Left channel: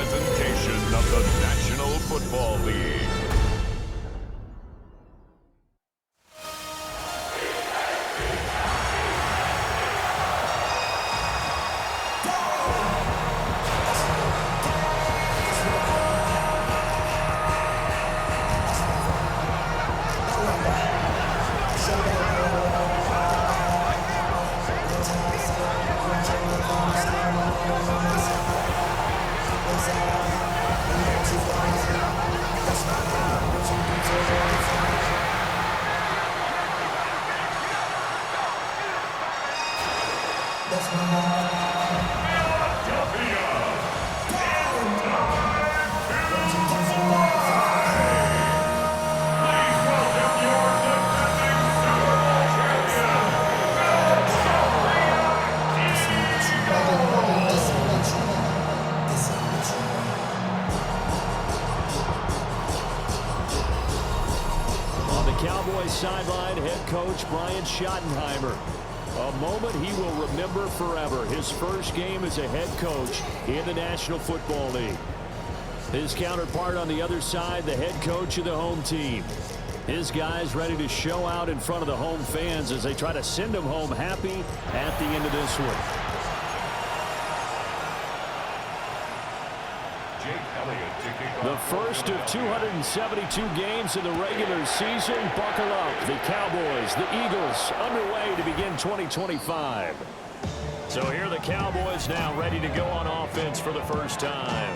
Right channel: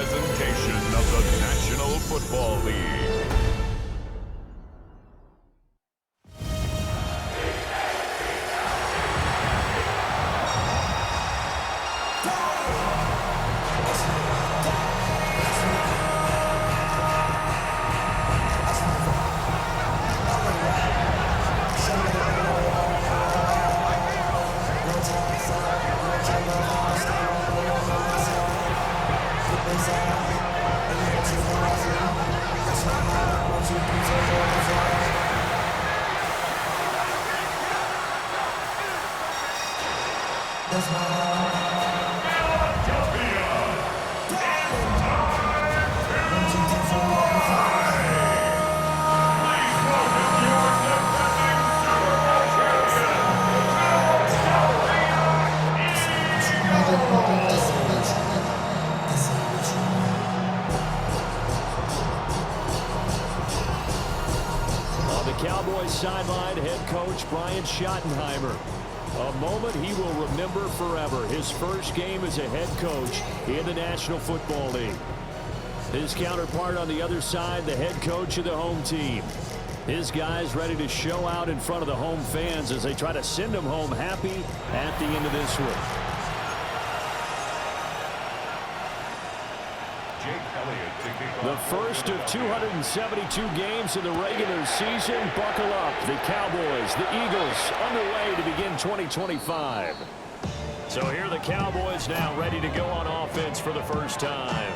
presentation of the National Football League. That's my heart. Philadelphia, time to play. Please welcome your defending Super Bowl champion, On the Cowboys sideline, head coach Brian Schottenheimer. A moment he will remember forever. His first game as a head coach in the National Football League. His counterpart on the other side, the head coach of the home team. His guys ready to show out in front of the home fans as they try to send them home happy at the end of this one. The first of 272 games in the regular season. Buckle up. The Cowboys, the Eagles, underway to begin 2025. So here are the Cowboys now ready to go on offense for the first time.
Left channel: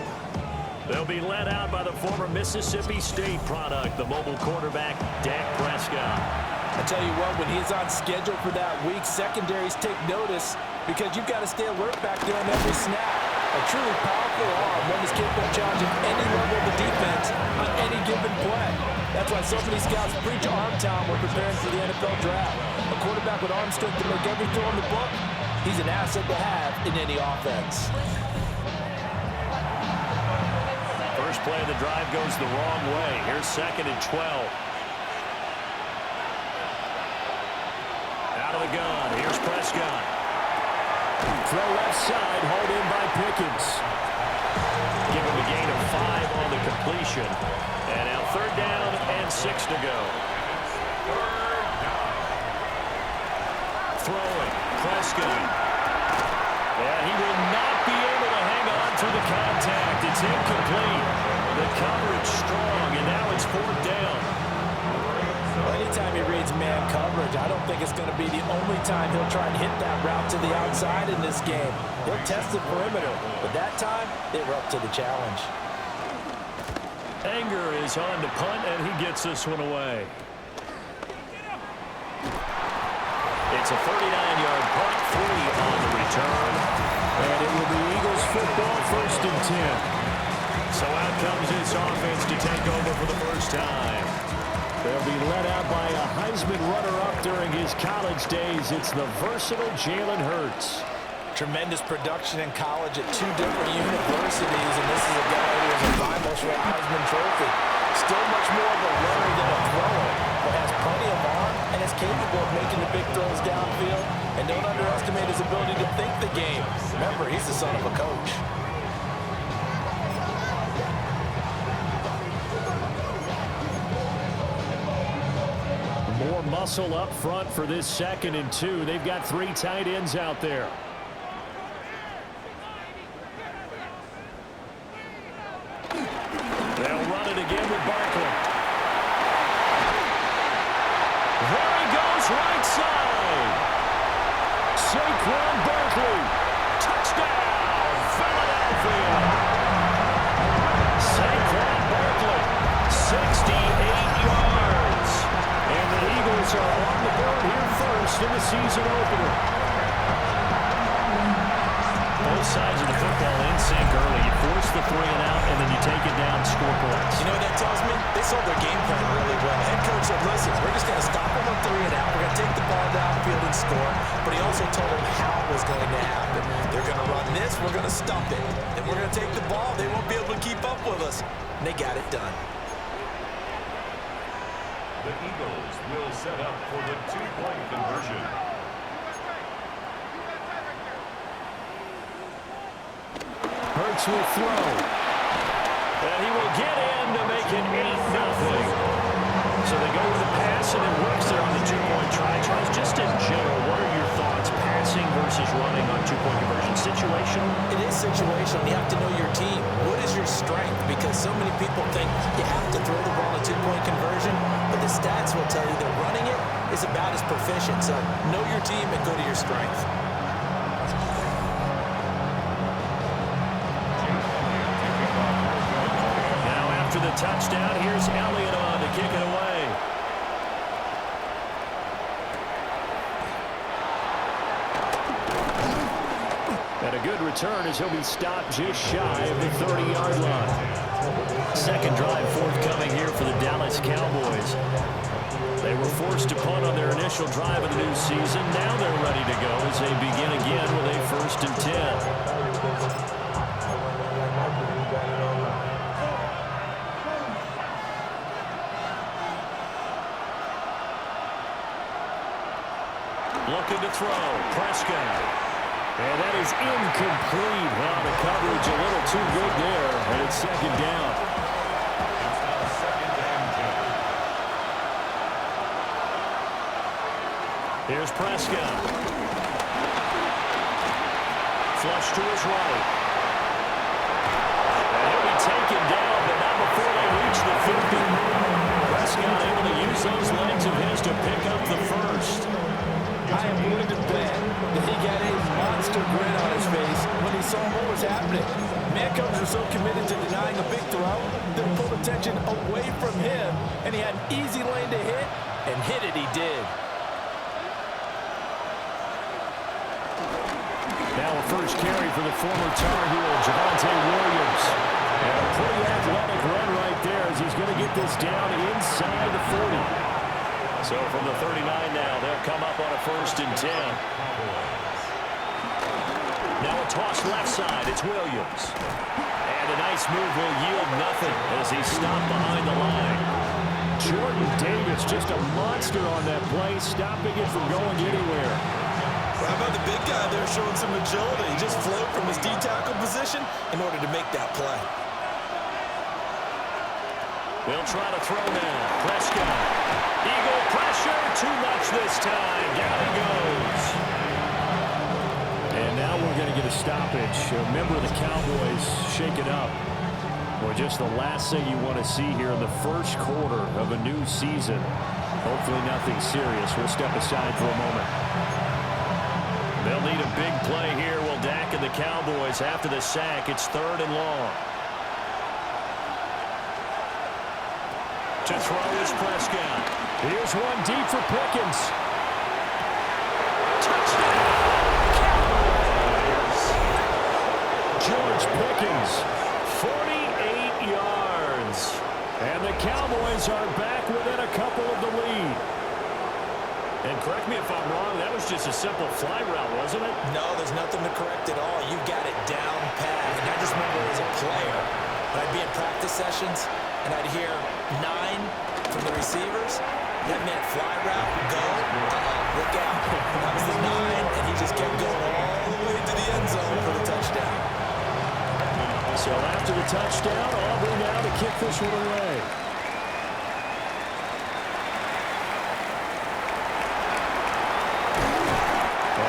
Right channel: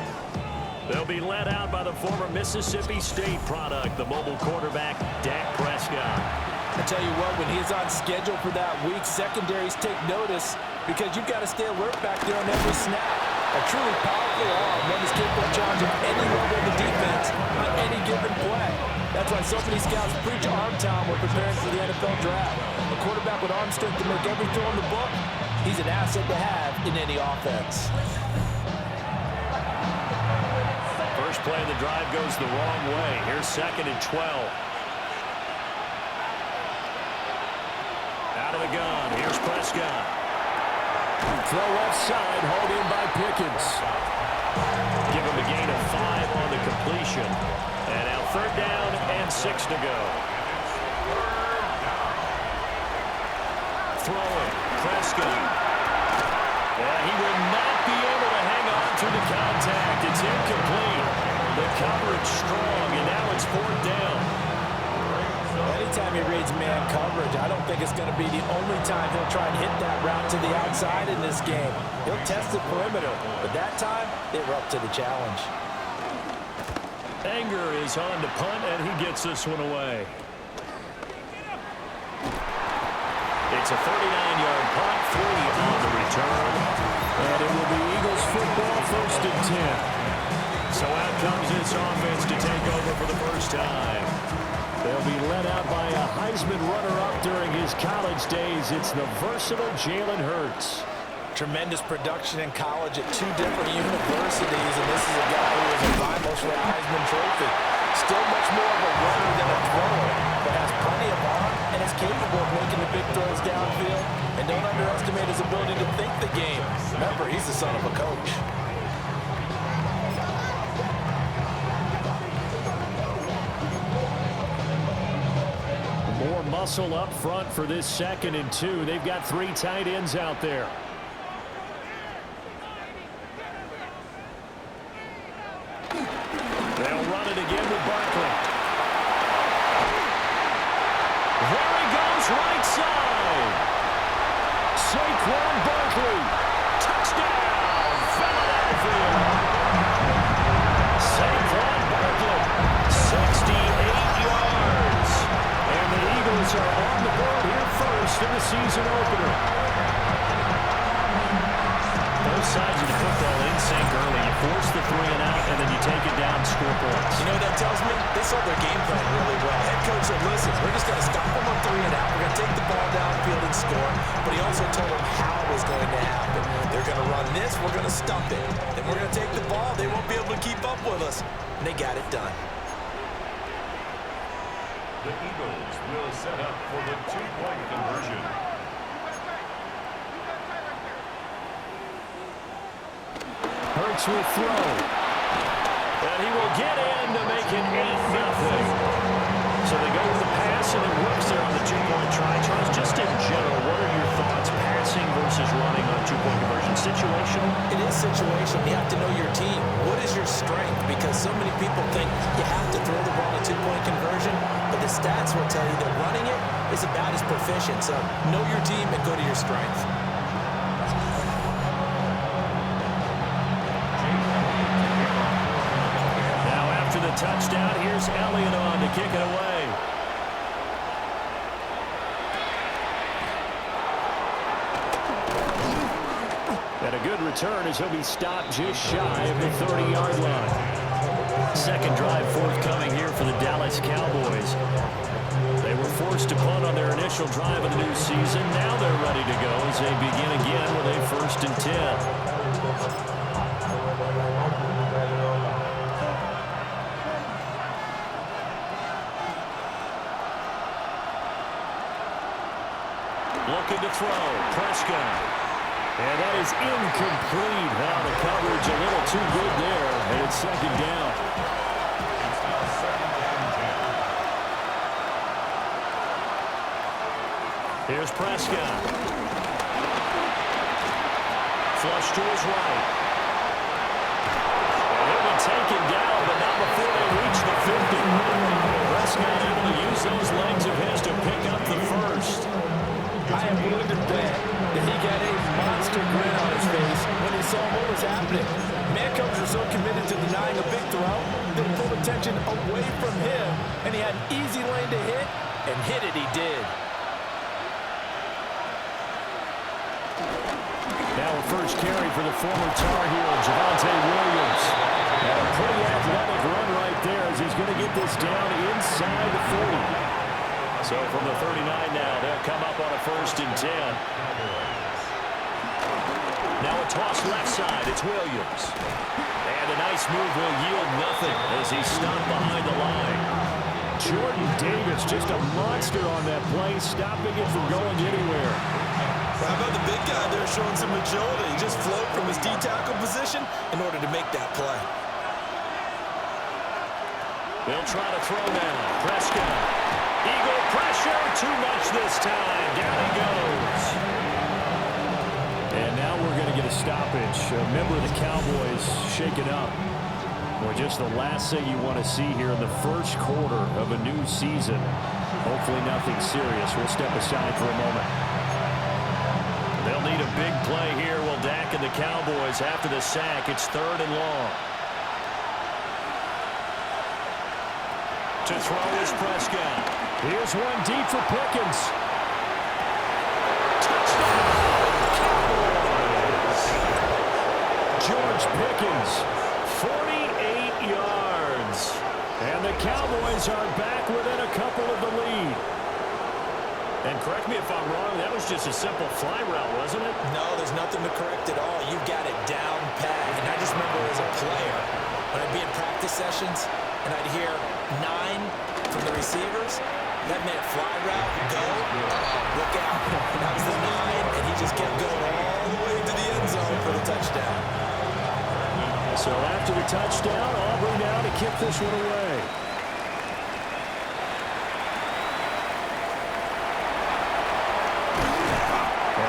They'll be led out by the former Mississippi State product, the mobile quarterback, Dak Prescott. I tell you what, when he's on schedule for that week, secondaries take notice because you've got to stay alert back there on every snap. A truly powerful arm, one that's capable of challenging any level of the defense on any given play. That's why so many scouts preach arm talent when preparing for the NFL draft. A quarterback with arm strength to make every throw in the book, he's an asset to have in any offense. First play of the drive goes the wrong way. Here's 2nd and 12. Out of the gun. Here's Prescott. Throw left side, hauled in by Pickens. Give him a gain of 5 on the completion. And now 3rd down and 6 to go. Throwing, Prescott. Yeah, he will not be able to hang on through the contact. It's incomplete. The coverage strong, and now it's 4th down. Anytime he reads man coverage, I don't think it's going to be the only time he'll try and hit that route to the outside in this game. He'll test the perimeter, but that time, they were up to the challenge. Anger is on to punt, and he gets this one away. It's a 39-yard punt, 3 on the return. And it will be Eagles football, 1st and 10. So out comes this offense to take over for the first time. They'll be led out by a Heisman runner-up during his college days. It's the versatile Jalen Hurts. Tremendous production in college at 2 different universities, and this is a guy who is a finalist for a Heisman Trophy. Still much more of a runner than a thrower, but has plenty of arm and is capable of making the big throws downfield. And don't underestimate his ability to think the game. Remember, he's the son of a coach. More muscle up front for this 2nd and 2. They've got 3 tight ends out there. They'll run it again with Barkley. There he goes, right side. Saquon Barkley. Touchdown, Philadelphia. Saquon Barkley, 68 yards. And the Eagles are on the board here first in the season opener. Both sides of the football in sync early. You force the 3 and out, and then you take it down, score points. You know what that tells me? They sold their game plan really well. Head coach said, listen, we're just going to stop them on 3 and out. We're going to take the ball downfield and score. But he also told them how it was going to happen. They're going to run this. We're going to stop it. Then we're going to take the ball. They won't be able to keep up with us. And they got it done. The Eagles will set up for the 2-point conversion. Hurts will throw. And he will get in to make it 8-0. So they go with the pass, and it works there on the two-point try. Charles, just in general, what are your thoughts, passing versus running on two-point conversion? Situational? It is situational. You have to know your team. What is your strength? Because so many people think you have to throw the ball in a two-point conversion, but the stats will tell you that running it is about as proficient. So know your team and go to your strength. Now after the touchdown, here's Elliott on to kick it away. And a good return as he'll be stopped just shy of the 30-yard line. Second drive forthcoming here for the Dallas Cowboys. They were forced to punt on their initial drive of the new season. Now they're ready to go as they begin again with a 1st and 10. Looking to throw. Prescott. And that is incomplete. Now the coverage a little too good there, and it's second down. It's now 2nd and 10. Here's Prescott. Flush to his right. And he'll be taken down, but not before they reach the 50. Prescott able to use those legs of his to pick up the first. I am willing to bet that he got a monster grin on his face when he saw what was happening. Man coverage were so committed to denying a big throw that it pulled attention away from him, and he had an easy lane to hit, and hit it he did. Now a first carry for the former Tar Heel, Javonte Williams. And a pretty athletic run right there as he's going to get this down inside the 40. So from the 39 now, they'll come up on a 1st and 10. Now a toss left side. It's Williams. And a nice move will yield nothing as he's stopped behind the line. Jordan Davis, just a monster on that play, stopping it from going anywhere. How about the big guy there showing some agility? He just float from his D-tackle position in order to make that play. They'll try to throw now. Prescott. Eagle pressure, too much this time. Down he goes. And now we're going to get a stoppage. A member of the Cowboys shaken up. Boy, just the last thing you want to see here in the first quarter of a new season. Hopefully nothing serious. We'll step aside for a moment. They'll need a big play here. Will Dak and the Cowboys after the sack. It's 3rd and long. To throw is Prescott. Here's one deep for Pickens. Touchdown, Cowboys! George Pickens, 48 yards. And the Cowboys are back within a couple of the lead. And correct me if I'm wrong, that was just a simple fly route, wasn't it? No, there's nothing to correct at all. You've got it down pat. And I just remember as a player, when I'd be in practice sessions, and I'd hear 9 from the receivers, that meant fly route, go, look out. That was the 9, and he just kept going all the way to the end zone for the touchdown. So after the touchdown, Aubrey now to kick this one away.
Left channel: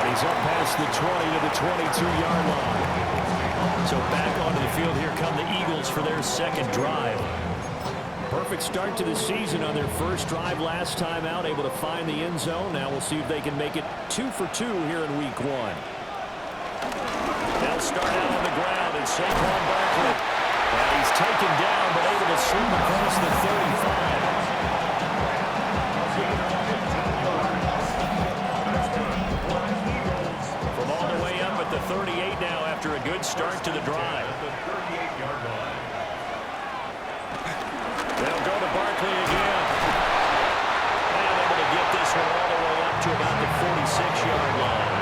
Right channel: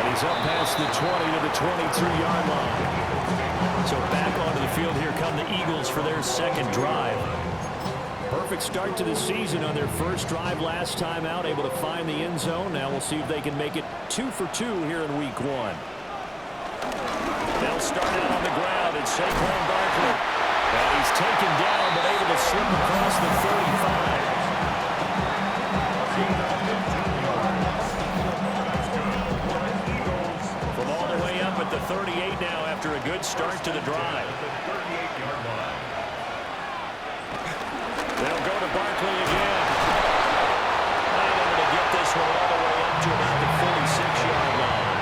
And he's up past the 20 to the 22-yard line. So back onto the field here come the Eagles for their second drive. Perfect start to the season on their first drive last time out, able to find the end zone. Now we'll see if they can make it 2 for 2 here in week 1. They'll start out on the ground, and Saquon Barkley. And he's taken down, but able to slip across the 35. From all the way up at the 38 now after a good start to the drive. They'll go to Barkley again. And able to get this one all the way up to about the 46-yard line.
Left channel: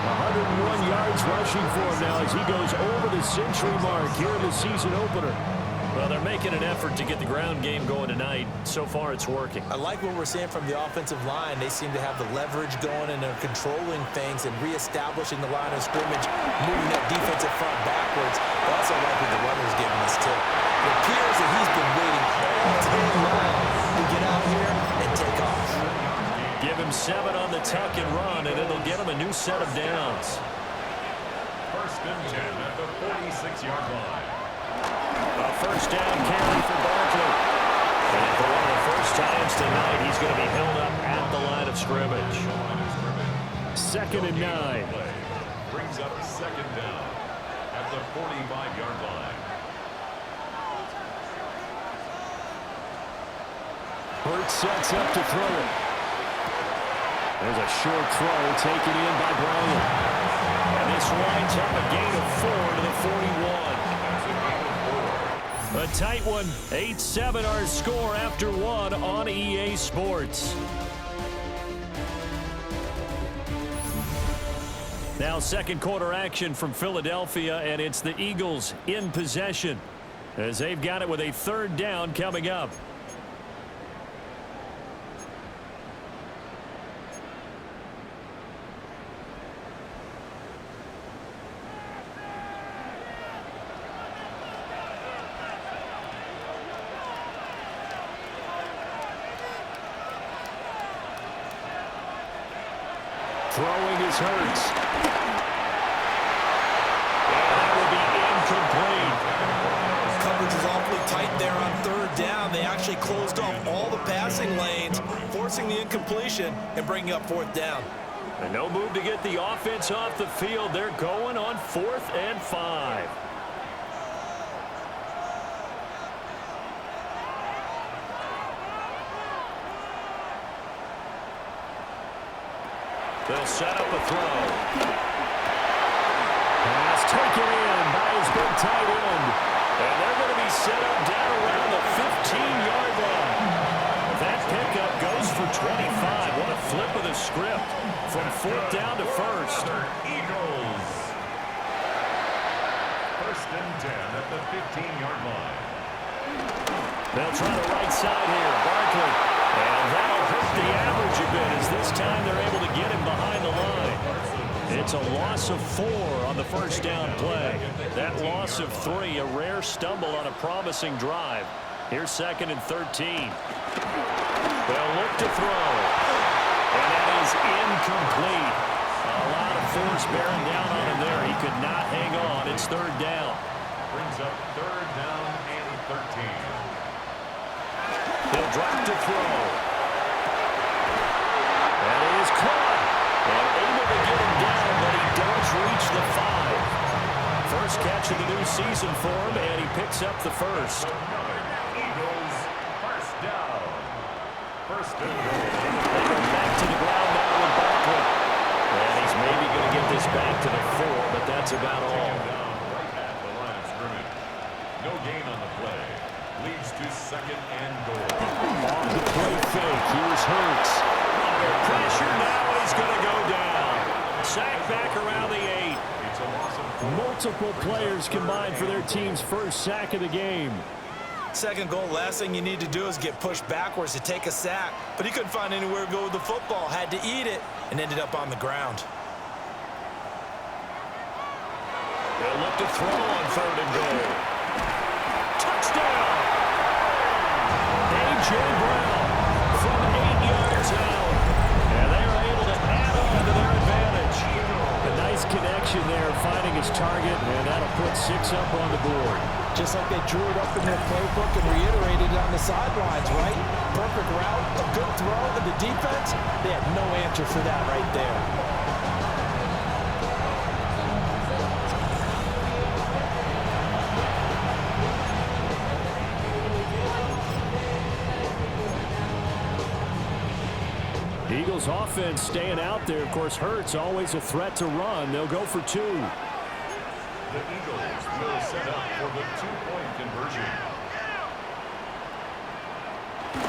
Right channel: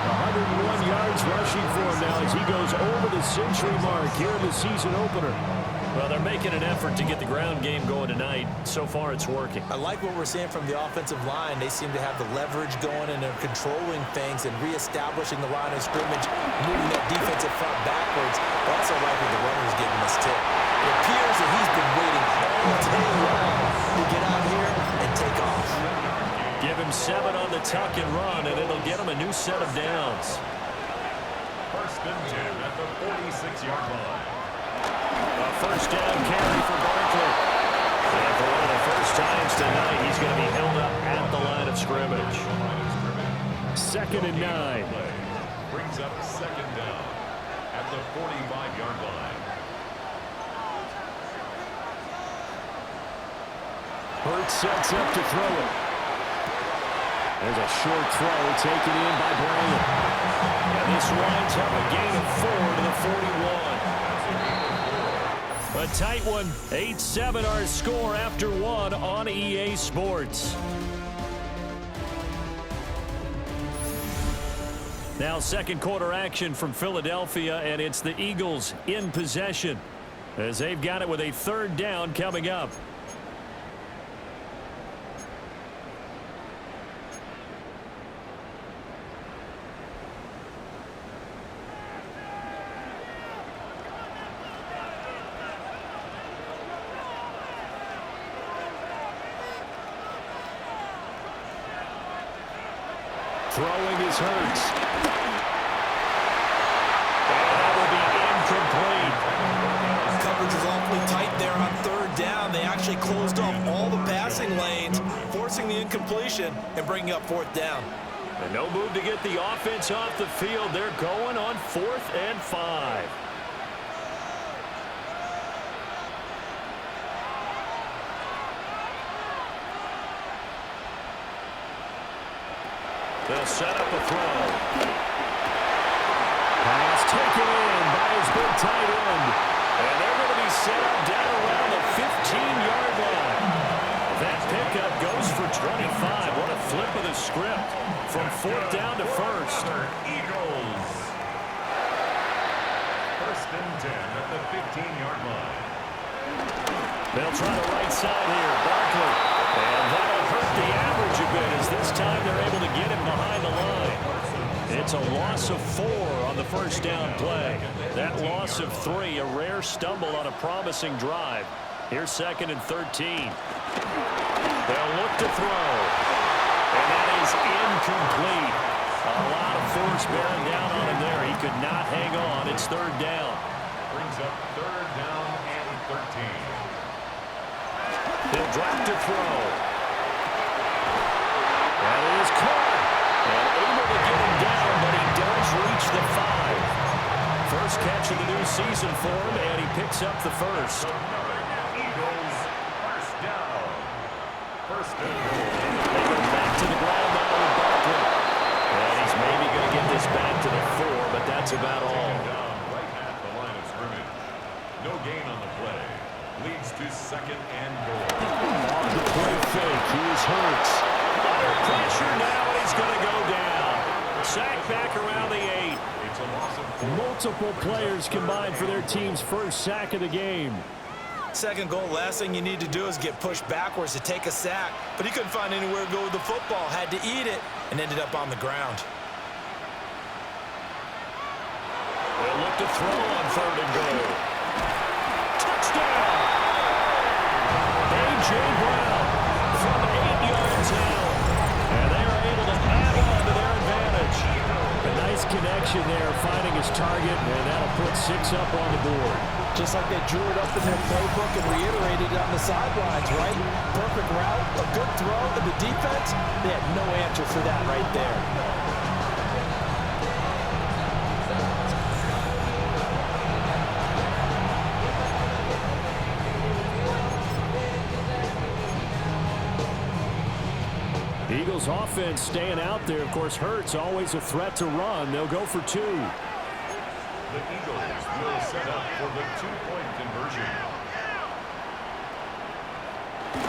101 yards rushing for him now as he goes over the century mark here in the season opener. Well, they're making an effort to get the ground game going tonight. So far, it's working. I like what we're seeing from the offensive line. They seem to have the leverage going, and they're controlling things and reestablishing the line of scrimmage, moving that defensive front backwards. But also like what the runner's giving us, too. It appears that he's been waiting all day long to get out here and take off. Give him 7 on the tuck and run, and it'll get him a new set of downs. First and 10 at the 46-yard line. A first down carry for Barkley. And for one of the first times tonight, he's going to be held up at the line of scrimmage. 2nd and 9. Brings up 2nd down at the 45-yard line. Hurts sets up to throw it. There's a short throw taken in by Bryant. And this winds up a gain of 4 to the 41. A tight one. 8-7 our score after 1 on EA Sports. Now second quarter action from Philadelphia, and it's the Eagles in possession as they've got it with a 3rd down coming up. Throwing is Hurts. And that will be incomplete. Coverage was awfully tight there on 3rd down. They actually closed off all the passing lanes, forcing the incompletion and bringing up 4th down. And no move to get the offense off the field. They're going on 4th and 5. They'll set up a throw. Pass taken in by his big tight end. And they're going to be set up down around the 15-yard line. That pickup goes for 25. What a flip of the script from 4th down to 1st. Eagles. 1st and 10 at the 15-yard line. They'll try the right side here. Barkley. And that'll hurt the average a bit as this time they're able to get him behind the line. It's a loss of 4 on the first down play. That loss of 3, a rare stumble on a promising drive. Here's 2nd and 13. They'll look to throw. And that is incomplete. A lot of force bearing down on him there. He could not hang on. It's 3rd down. Brings up 3rd down and 13. He'll drop to throw. And it is caught. And able to get him down, but he does reach the 5. First catch of the new season for him, and he picks up the first. Eagles, 1st down. 1st and goal. They go back to the ground now with Barkley. And he's maybe going to get this back to the 4, but that's about all. Down right at the line of scrimmage. No gain on the play. Leads to 2nd and goal. On the play fake, here's Hurts. Under pressure now, and he's going to go down. Sack back around the 8. It's a loss of 4. Multiple players combined for their team's first sack of the game. 2nd goal, last thing you need to do is get pushed backwards to take a sack. But he couldn't find anywhere to go with the football, had to eat it, and ended up on the ground. They'll look to throw on 3rd and goal. Touchdown! A.J. Brown from 8 yards out. And they are able to add on to their advantage. A nice connection there, finding his target, and that'll put 6 up on the board. Just like they drew it up in their playbook and reiterated it on the sidelines, right? Perfect route, a good throw, and the defense, they had no answer for that right there. Eagles offense staying out there. Of course, Hurts always a threat to run. They'll go for 2. The Eagles will set up for the 2-point conversion.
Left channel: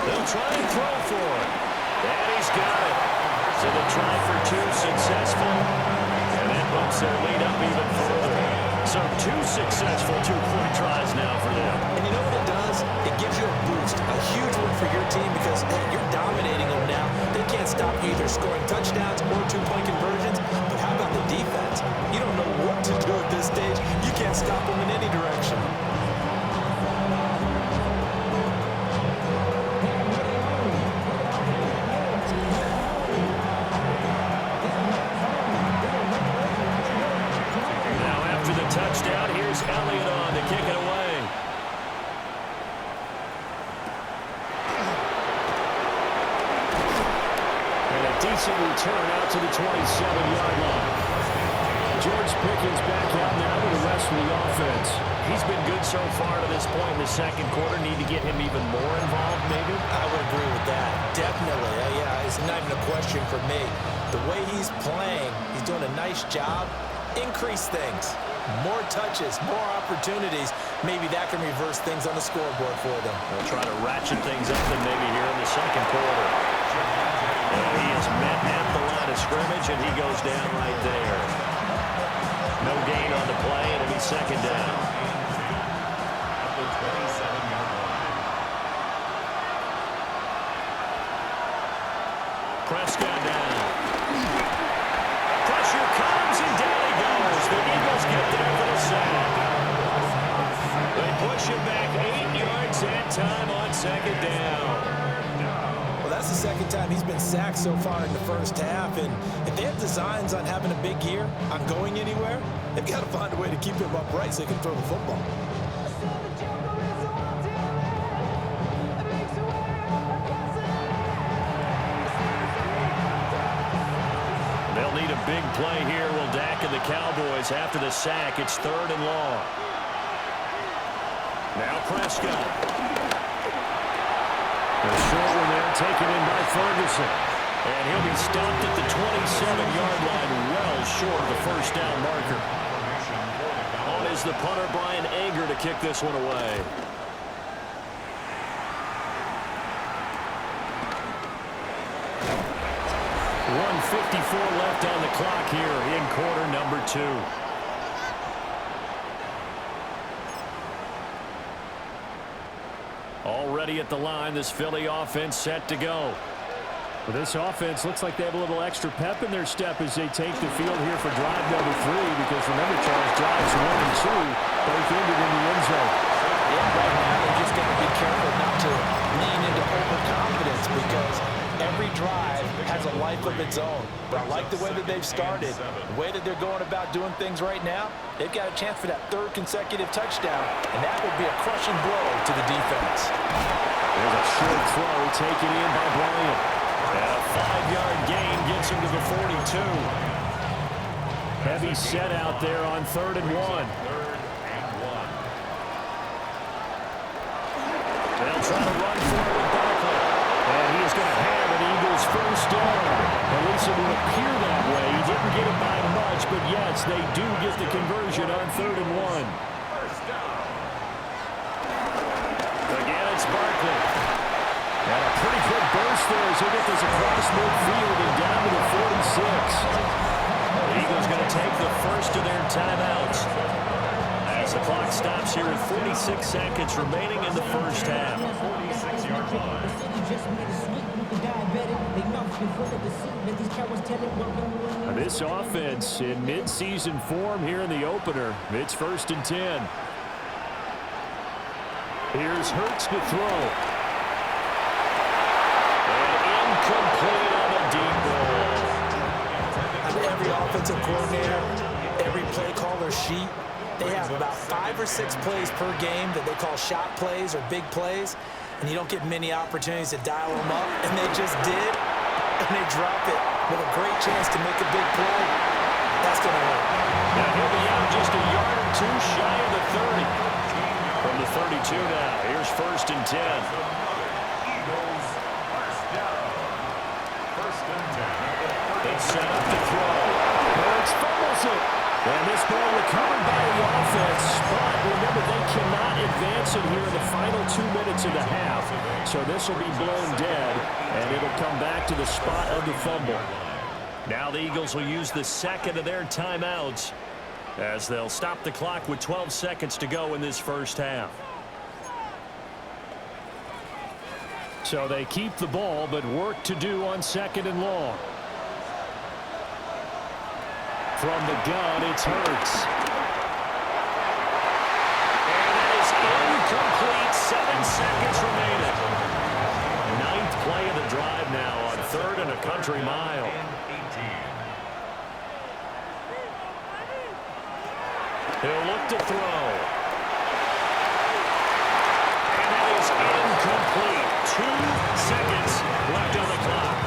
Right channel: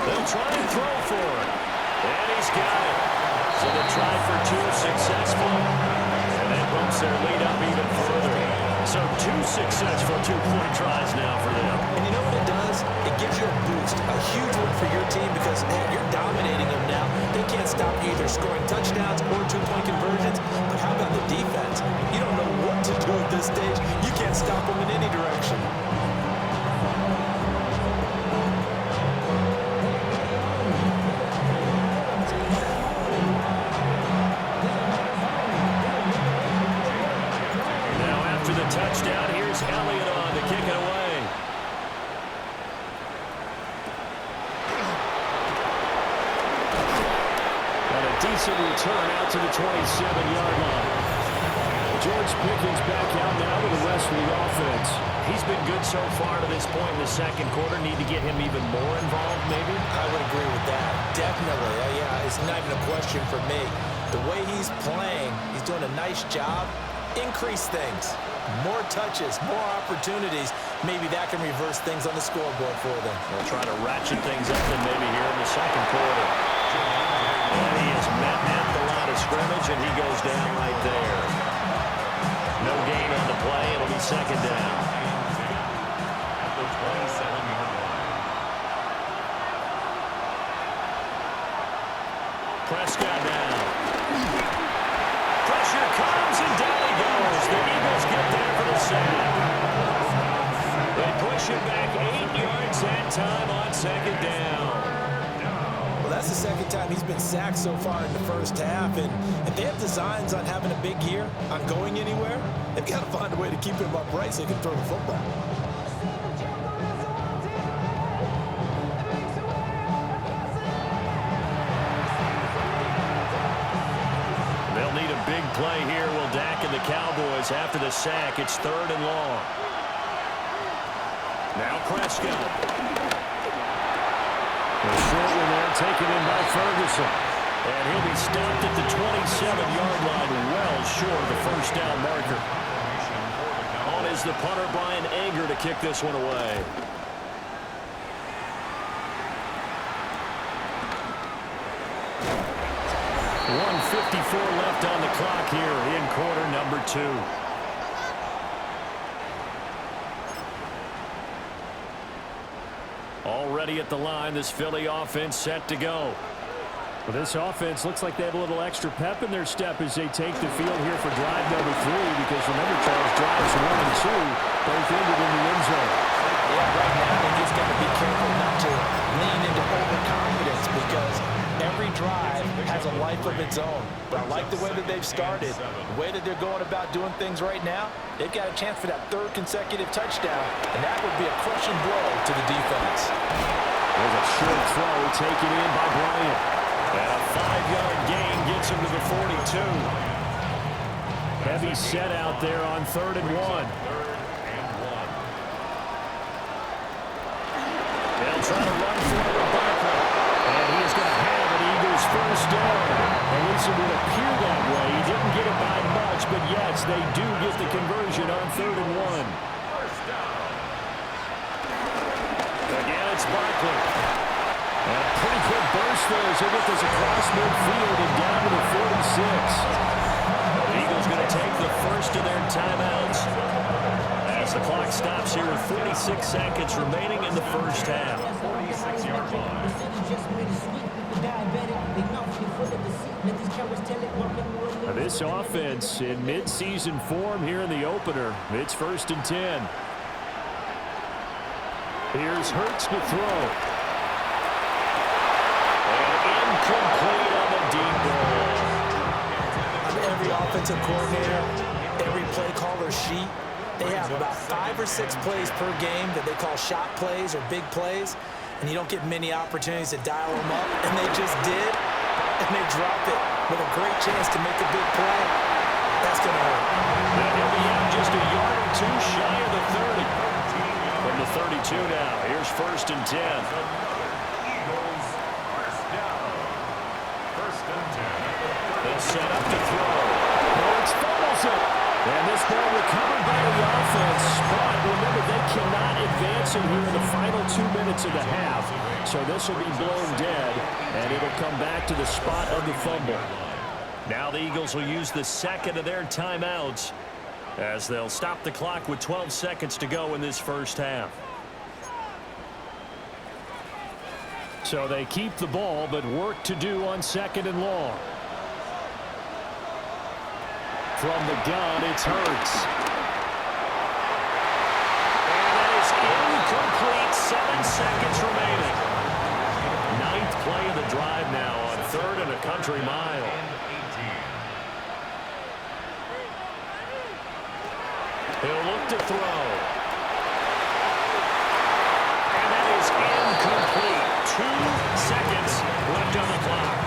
They'll try and throw for it. And he's got it. So the try for 2 successful. And that bumps their lead up even further. So 2 successful 2-point tries now for them. And you know what it does? It gives you a boost, a huge one for your team because, hey, you're dominating them now. They can't stop you either scoring touchdowns or 2-point conversions. But how about the defense? You don't know what to do at this stage. You can't stop them in any direction. decent return out to the 27-yard line. George Pickens back out now with the rest of the offense. He's been good so far to this point in the second quarter. Need to get him even more involved, maybe? I would agree with that. Definitely. Yeah, it's not even a question for me. The way he's playing, he's doing a nice job. Increase things. More touches, more opportunities. Maybe that can reverse things on the scoreboard for them. They'll try to ratchet things up then maybe here in the second quarter. And he is met at the line of scrimmage, and he goes down right there. No gain on the play. It'll be second down. At the 27-yard line. Prescott down. Pressure comes, and down he goes. The Eagles get there for the sack. They push it back 8 yards that time on second down. Well, that's the second time he's been sacked so far in the first half, and if they have designs on having a big year, on going anywhere, they've got to find a way to keep him upright so he can throw the football. They'll need a big play here, will Dak and the Cowboys. After the sack, it's 3rd and long. Now Prescott. The short one there taken in by Ferguson. And he'll be stopped at the 27-yard line, well short of the first down marker. On is the punter, Brian Anger, to kick this one away. .154 left on the clock here in quarter number 2. Already at the line, this Philly offense set to go. Well, this offense looks like they have a little extra pep in their step as they take the field here for drive number 3, because remember, Charles, drives 1 and 2 both ended in the end zone. Yeah, right now they just got to be careful not to lean into overconfidence, because every drive has a life of its own. But I like the way that they've started, the way that they're going about doing things right now. They've got a chance for that 3rd consecutive touchdown, and that would be a crushing blow to the defense. There's a short throw taken in by Bryant. And a 5-yard gain gets him to the 42. Heavy set out there on 3rd and 1. They'll try to run for it with Barkley. And he is going to have an Eagles first down. At least it would appear that way. He didn't get it by much, but yes, they do get the conversion on 3rd and 1. Again, it's Barkley. And a pretty quick burst there as he'll get this across midfield and down to the 46. The Eagles going to take the first of their timeouts as the clock stops here with 46 seconds remaining in the first half. 46-yard line. Now this offense in mid-season form here in the opener. It's 1st and 10. Here's Hurts to throw. Complete on the deep ball. On every offensive coordinator, every play caller sheet, they have about 5 or 6 plays per game that they call shot plays or big plays, and you don't get many opportunities to dial them up, and they just did, and they drop it with a great chance to make a big play. That's going to hurt. Now he'll be out just a yard or 2 shy of the 30. From the 32 now, here's 1st and 10. They set up to throw. Hurts fumbles it. And this ball recovered by the offense. But remember, they cannot advance it here in the final 2 minutes of the half. So this will be blown dead, and it'll come back to the spot of the fumble. Now the Eagles will use the second of their timeouts as they'll stop the clock with 12 seconds to go in this first half. So they keep the ball, but work to do on 2nd and long. From the gun, it's Hurts. And that is incomplete. 7 seconds remaining. 9th play of the drive now on 3rd and a country mile. He'll look to throw. And that is incomplete. 2 seconds left on the clock.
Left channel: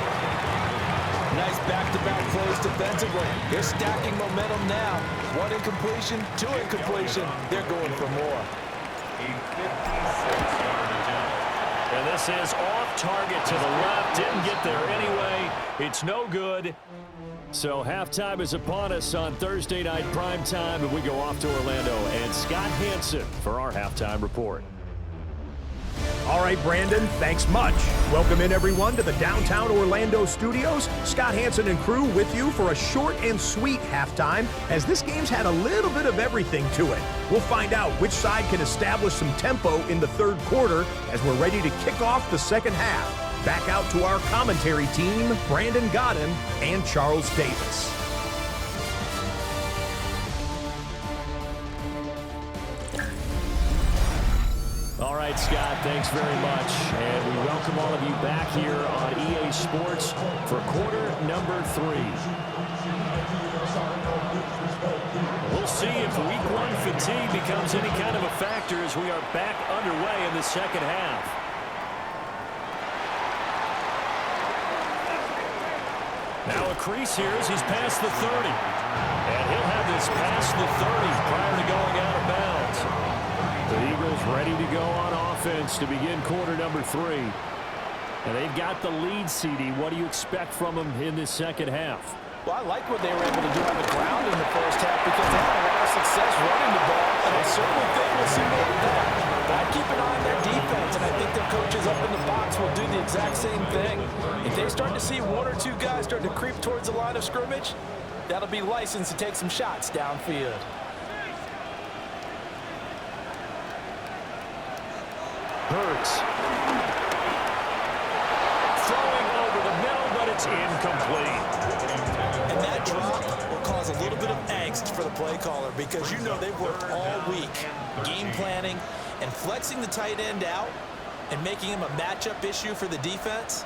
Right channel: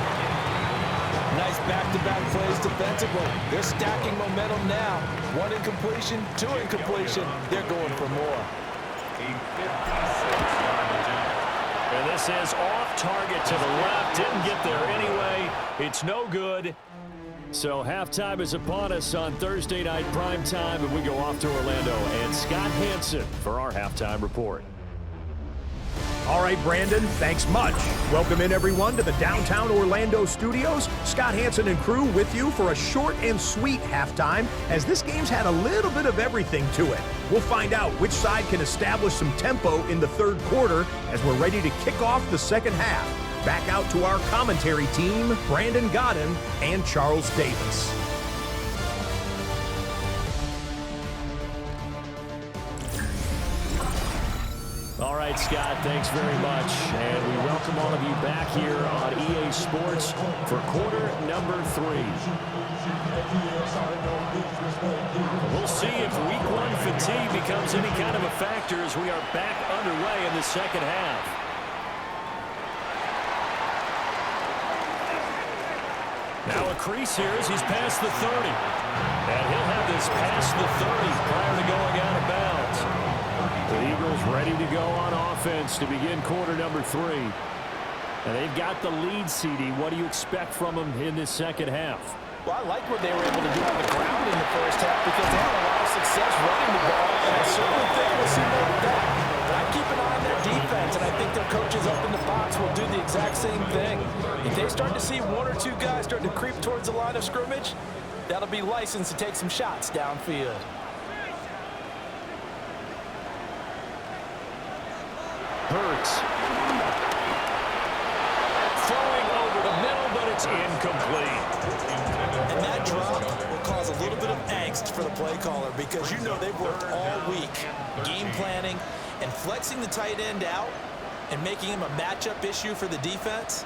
Nice back-to-back plays defensively. They're stacking momentum now. 1 incompletion, 2 incompletion. They're going for more. A 56-yard attempt. And this is off target to the left. Didn't get there anyway. It's no good. So halftime is upon us on Thursday night primetime, and we go off to Orlando. And Scott Hansen for our halftime report. All right, Brandon, thanks much. Welcome in, everyone, to the downtown Orlando studios. Scott Hansen and crew with you for a short and sweet halftime, as this game's had a little bit of everything to it. We'll find out which side can establish some tempo in the third quarter as we're ready to kick off the second half. Back out to our commentary team, Brandon Godden and Charles Davis. All right, Scott, thanks very much. And we welcome all of you back here on EA Sports for quarter number 3. We'll see if week 1 fatigue becomes any kind of a factor as we are back underway in the second half. Now a crease here as he's past the 30. And he'll have this past the 30 prior to going out of bounds. The Eagles ready to go on offense to begin quarter number 3. And they've got the lead, CD. What do you expect from them in this second half? Well, I like what they were able to do on the ground in the first half because they had a lot of success running the ball, and I certainly think we'll see more of that. But I'd keep an eye on their defense, and I think their coaches up in the box will do the exact same thing. If they start to see 1 or 2 guys starting to creep towards the line of scrimmage, that'll be licensed to take some shots downfield. Hurts. Throwing over the middle, but it's incomplete. And that drop will cause a little bit of angst for the play caller because you know they've worked all week game planning and flexing the tight end out and making him a matchup issue for the defense.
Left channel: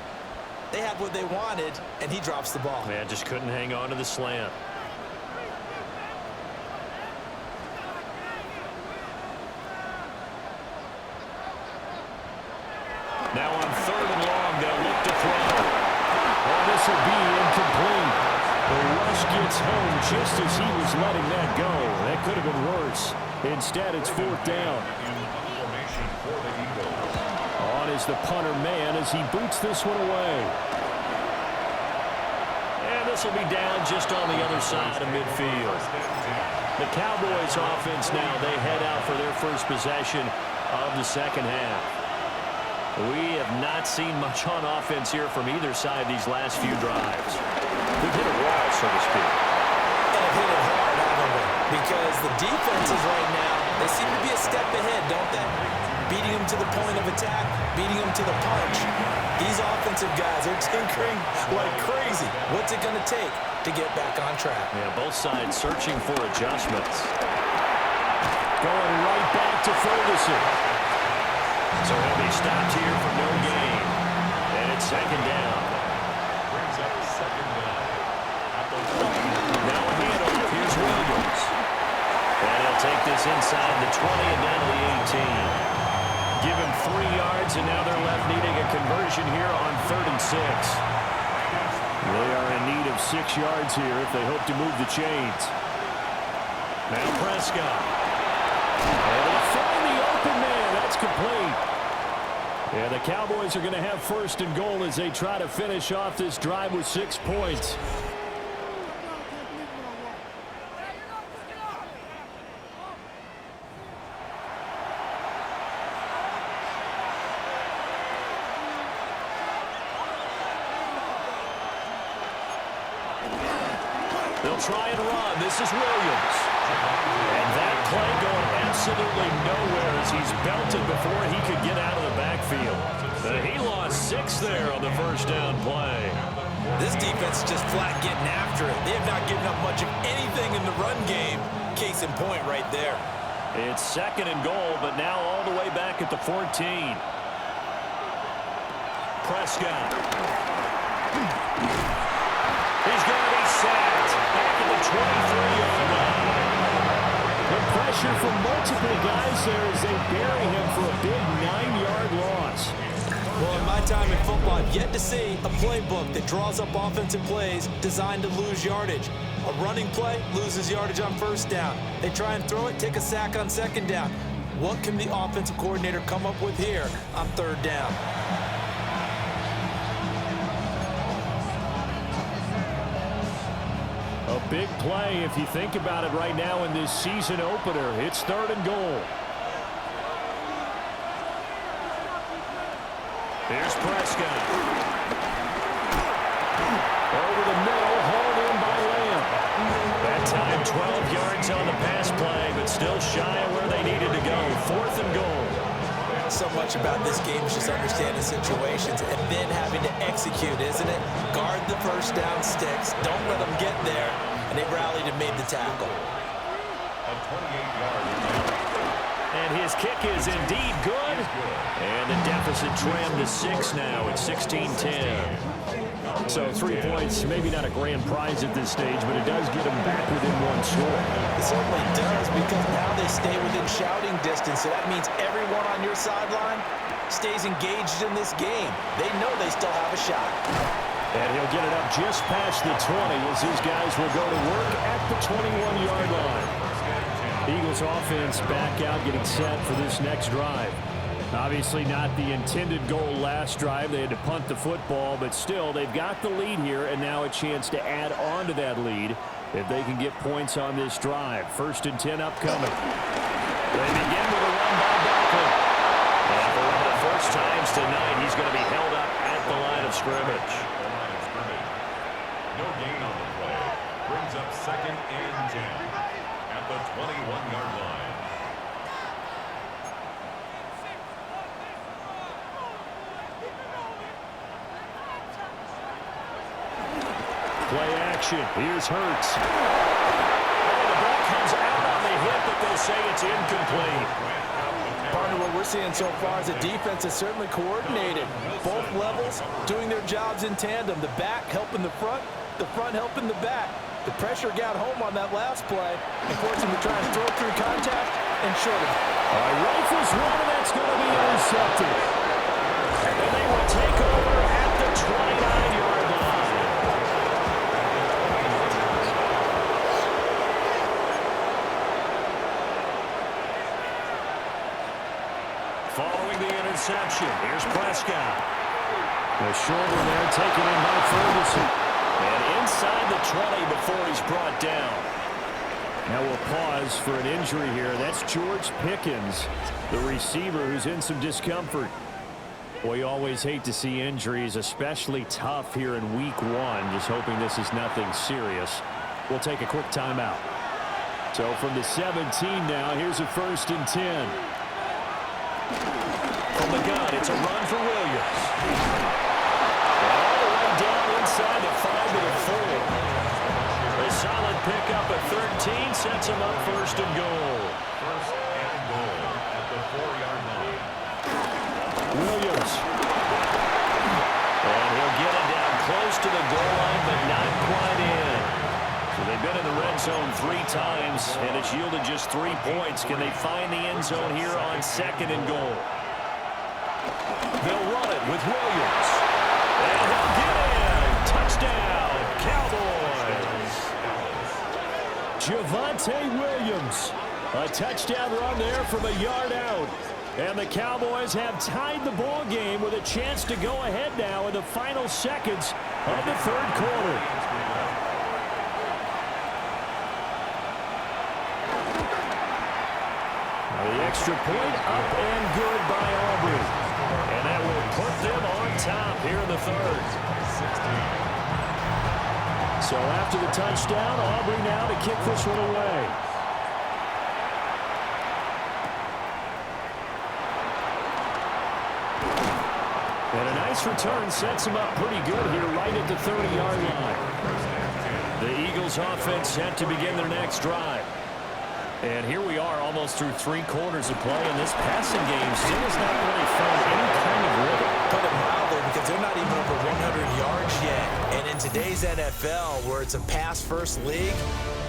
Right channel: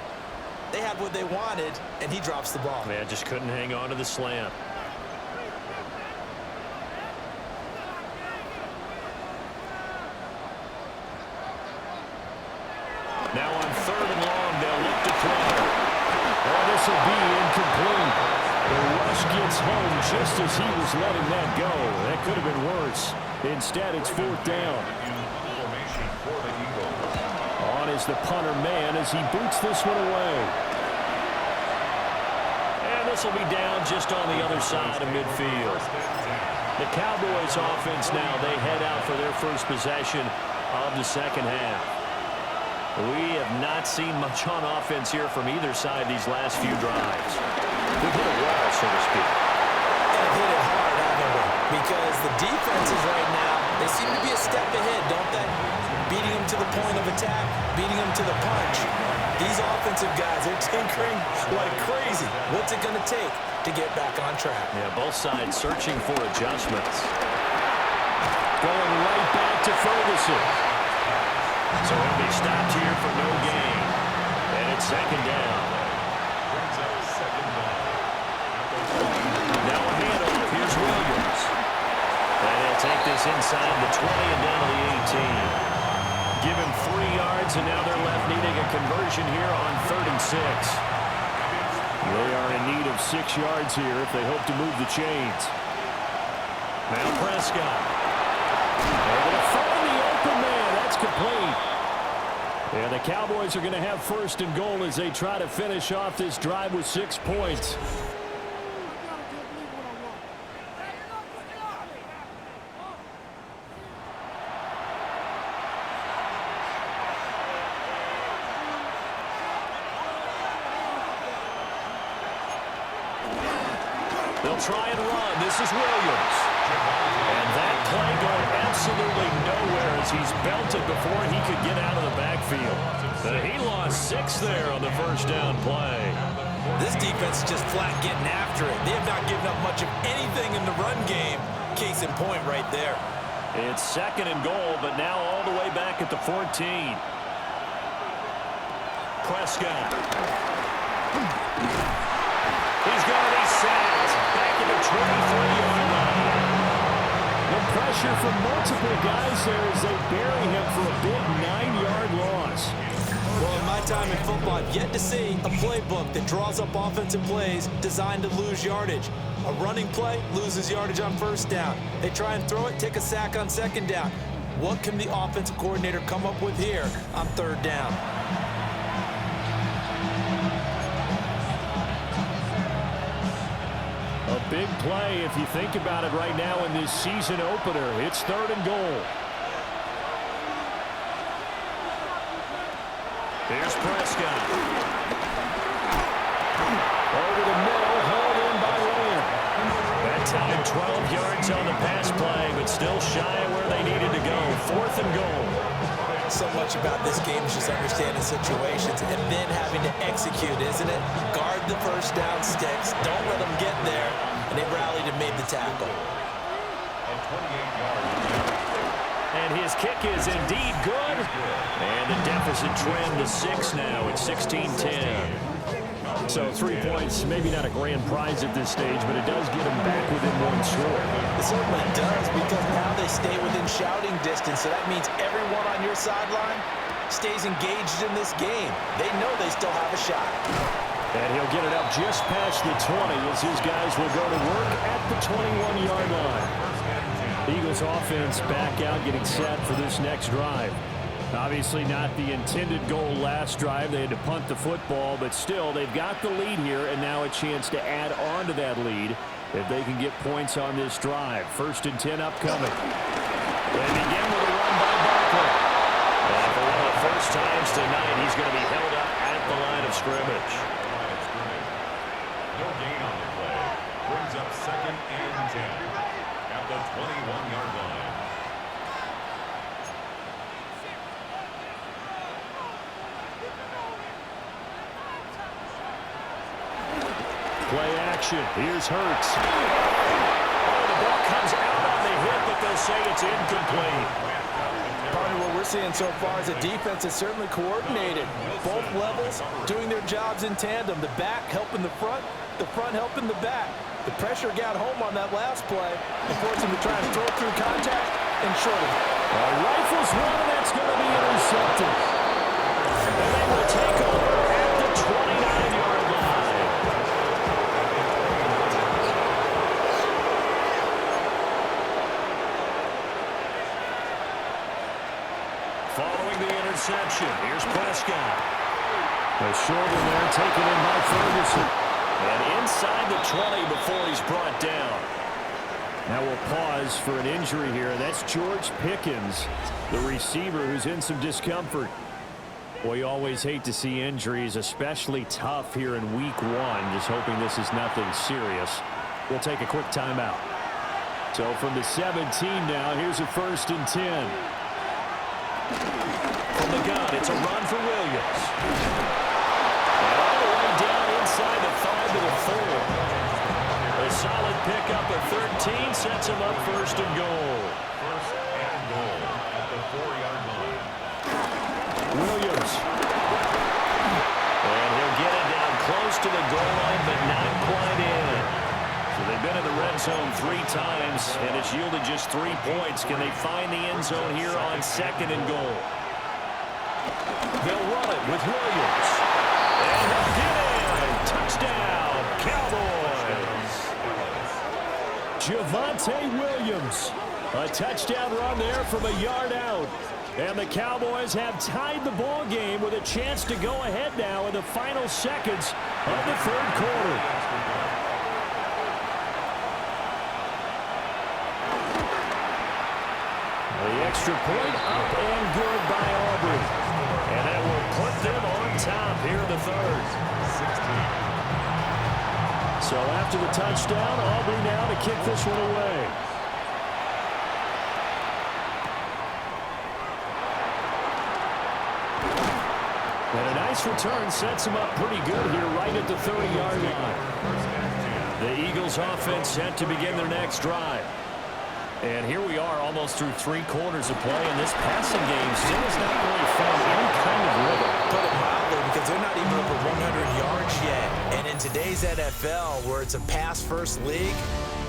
They had what they wanted, and he drops the ball. Yeah, just couldn't hang on to the slant. Now on 3rd and long, they'll look to throw. Oh, this will be incomplete. The rush gets home just as he was letting that go. That could have been worse. Instead, it's 4th down. Formation for the Eagles. On is the punter man as he boots this one away. And this will be down just on the other side of midfield. The Cowboys offense now, they head out for their first possession of the second half. We have not seen much on offense here from either side these last few drives. We've hit a wall, so to speak. And have hit it hard, haven't we? Because the defenses right now, they seem to be a step ahead, don't they? Beating them to the point of attack, beating them to the punch. These offensive guys are tinkering like crazy. What's it going to take to get back on track? Yeah, both sides searching for adjustments. Going right back to Ferguson. So he'll be stopped here for no gain. And it's 2nd down. Brings up 2nd down. At the 1. Now a handoff. Here's Williams. And he'll take this inside the 20 and down to the 18. Give him 3 yards, and now they're left needing a conversion here on 3rd and 6. They are in need of 6 yards here if they hope to move the chains. Now Prescott. Able to find the open man. That's complete. And the Cowboys are going to have 1st and goal as they try to finish off this drive with 6 points. They'll try and run. This is Williams. And that play going absolutely nowhere as he's belted before he could get out of the backfield. He lost 6 there on the 1st down play. This defense is just flat getting after it. They have not given up much of anything in the run game. Case in point right there. It's 2nd and goal, but now all the way back at the 14. Prescott. He's going to be sacked back at the 23-yard line. The pressure from multiple guys there as they bury him for a big 9-yard loss. Well, in my time in football, I've yet to see a playbook that draws up offensive plays designed to lose yardage. A running play loses yardage on first down. They try and throw it, take a sack on second down. What can the offensive coordinator come up with here on third down? A big play if you think about it right now in this season opener. It's 3rd and goal. Here's Prescott. Over the middle, hauled in by Lamb. That time 12 yards on the pass play, but still shy of where they needed to go. 4th and goal. So much about this game is just understanding situations and then having to execute, isn't it? Guard the first down sticks. Don't let them get there. And they rallied and made the tackle. A 28-yard. And his kick is indeed good. And the deficit trimmed to 6 now at 16-10. So 3 points, maybe not a grand prize at this stage, but it does get them back within 1 score. It certainly does, because now they stay within shouting distance. So that means everyone on your sideline stays engaged in this game. They know they still have a shot. And he'll get it up just past the 20 as his guys will go to work at the 21-yard line. Eagles offense back out, getting set for this next drive. Obviously not the intended goal last drive. They had to punt the football, but still they've got the lead here, and now a chance to add on to that lead if they can get points on this drive. 1st and 10 upcoming. They begin with a run by Barkley. And for one of the first times tonight, he's going to be held up at the line of scrimmage. No gain on the play. Brings up 2nd and 10 at the 21-yard line. Play action. Here's Hurts. Oh, the ball comes out on the hit, but they'll say it's incomplete. Partner, what we're seeing so far is the defense is certainly coordinated. Both levels doing their jobs in tandem. The back helping the front helping the back. The pressure got home on that last play and forced him to try and throw through contact and short him. All right, rifles one, and that's going to be intercepted. And they will take over at the 29-yard line. Following the interception, here's Prescott. A short one there taken in by Ferguson. And inside the 20 before he's brought down. Now we'll pause for an injury here. That's George Pickens, the receiver who's in some discomfort. Boy, you always hate to see injuries, especially tough here in week 1. Just hoping this is nothing serious. We'll take a quick timeout. So from the 17 now, here's a 1st and 10. From the gun, it's a run for Williams. And all the way down inside the 5 to the 4. A solid pickup of 13 sets him up 1st and goal. 1st and goal at the 4-yard line. Williams. And he'll get it down close to the goal line, but not quite in. So they've been in the red zone 3 times, and it's yielded just 3 points. Can they find the end zone here on 2nd and goal? They'll run it with Williams. And he'll get in. Touchdown, Cowboys. Javonte Williams. A touchdown run there from a yard out. And the Cowboys have tied the ball game with a chance to go ahead now in the final seconds of the 3rd quarter. The extra point up and good by Aubrey. And that will put them on top here in the 3rd. 16. So after the touchdown, Aubrey now to kick this one away. And a nice return sets him up pretty good here right at the 30-yard line. The Eagles offense set to begin their next drive. And here we are almost through 3 quarters of play, and this passing game still has not really found any kind of rhythm. Put it mildly, because they're not even over 100 yards yet. And in today's NFL, where it's a pass-first league,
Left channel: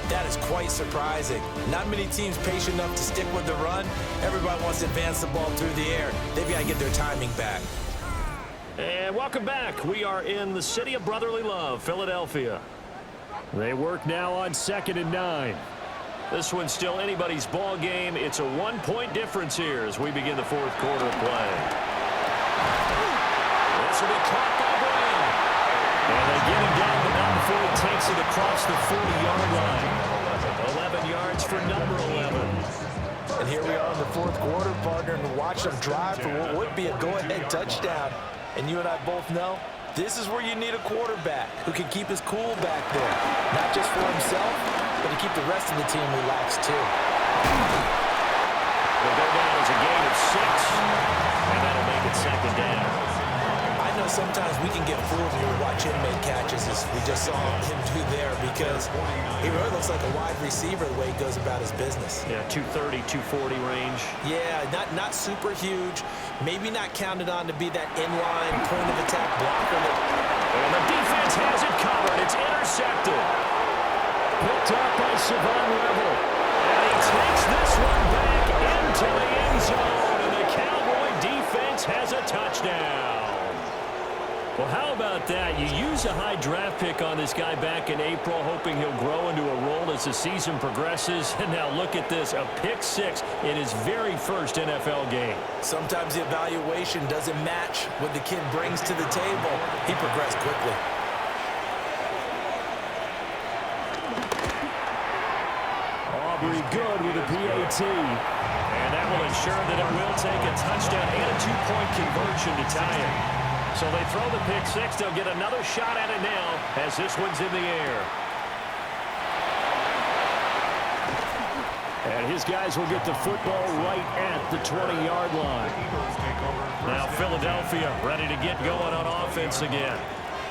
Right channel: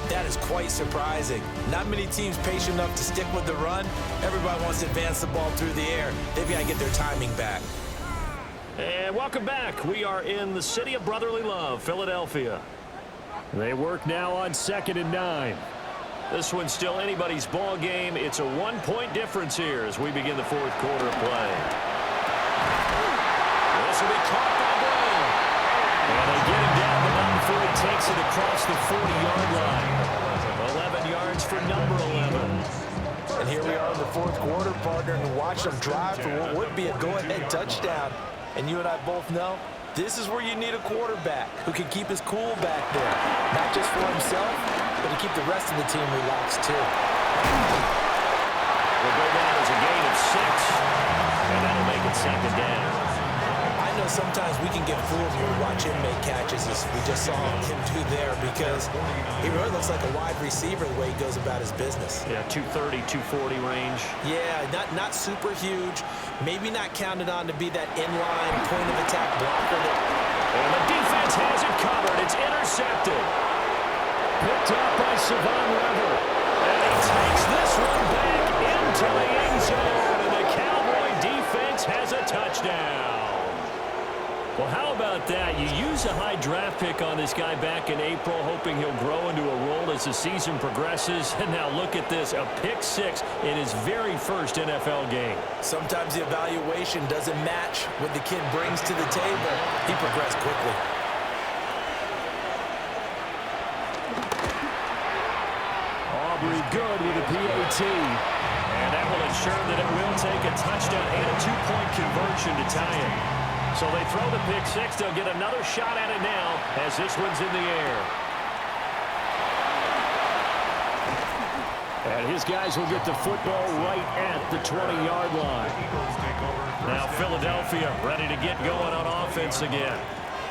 that is quite surprising. Not many teams patient enough to stick with the run. Everybody wants to advance the ball through the air. They've got to get their timing back. And welcome back. We are in the city of brotherly love, Philadelphia. They work now on 2nd and 9. This one's still anybody's ball game. It's a 1-point difference here as we begin the fourth quarter of play. This will be caught by Brown. And they get him down, but not before he takes it across the 40-yard line. 11 yards for number 11. And here we are in the fourth quarter, partner, and watch them drive for what would be a go-ahead touchdown. And you and I both know this is where you need a quarterback who can keep his cool back there. Not just for himself, but to keep the rest of the team relaxed too. Will go down as a gain of 6, and that'll make it 2nd down. I know sometimes we can get fooled when we watch him make catches, as we just saw him do there, because he really looks like a wide receiver the way he goes about his business. Yeah, 230, 240 range. Yeah, not super huge, maybe not counted on to be that inline point-of-attack blocker. And the defense has it covered. It's intercepted. Picked up by Savon Revel. And he takes this one back into the end zone, and the Cowboy defense has a touchdown. Well, how about that? You use a high draft pick on this guy back in April, hoping he'll grow into a role as the season progresses. And now look at this, a pick 6 in his very first NFL game. Sometimes the evaluation doesn't match what the kid brings to the table. He progressed quickly. Aubrey good with a PAT. And that will ensure that it will take a touchdown and a 2-point conversion to tie it. So they throw the pick 6. They'll get another shot at it now as this one's in the air. And his guys will get the football right at the 20-yard line. Now Philadelphia ready to get going on offense again.